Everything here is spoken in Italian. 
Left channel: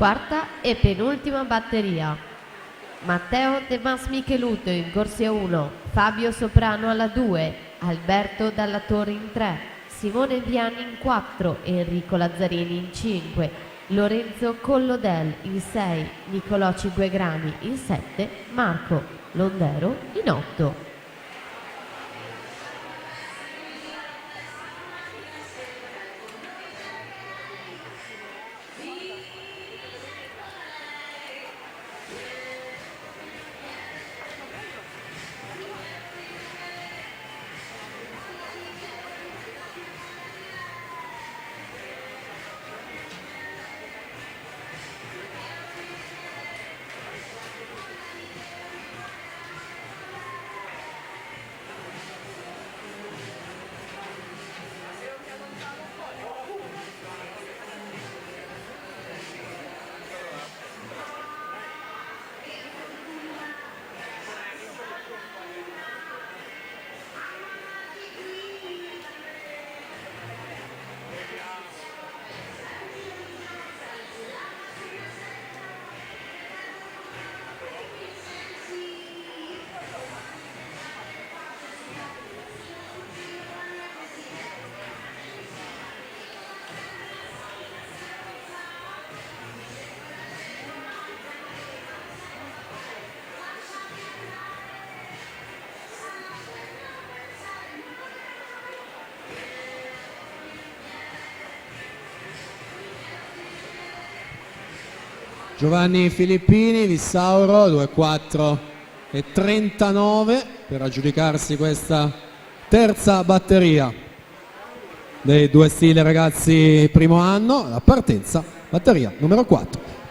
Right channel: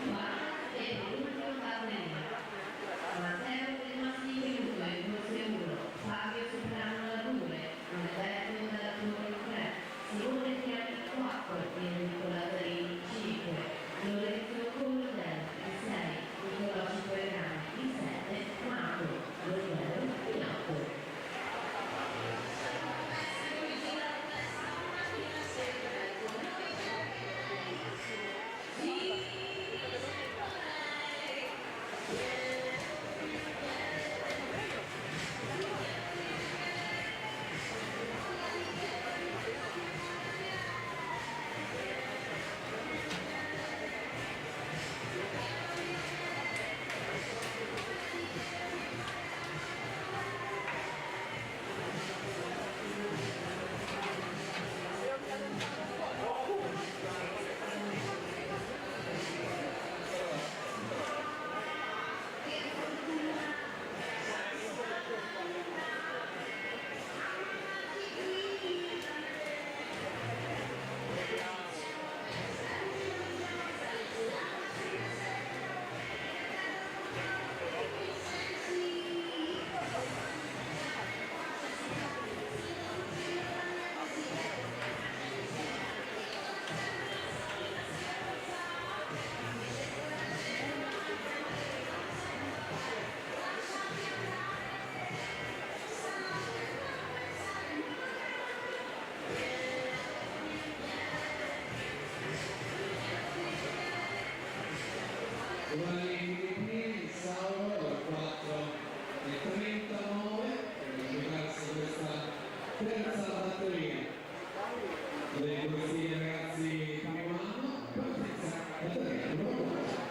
Quarta e penultima batteria. Matteo De Mas Micheluto in corsia 1, Fabio Soprano alla 2, Alberto Dalla Torre in 3, Simone Viani in 4, Enrico Lazzarini in 5, Lorenzo Collodel in 6, Nicolò Cinquegrani in 7, Marco Londero in 8. Giovanni Filippini, Vissauro, 2-4 e 39 per aggiudicarsi questa terza batteria dei due stili ragazzi primo anno. La partenza, batteria numero 4.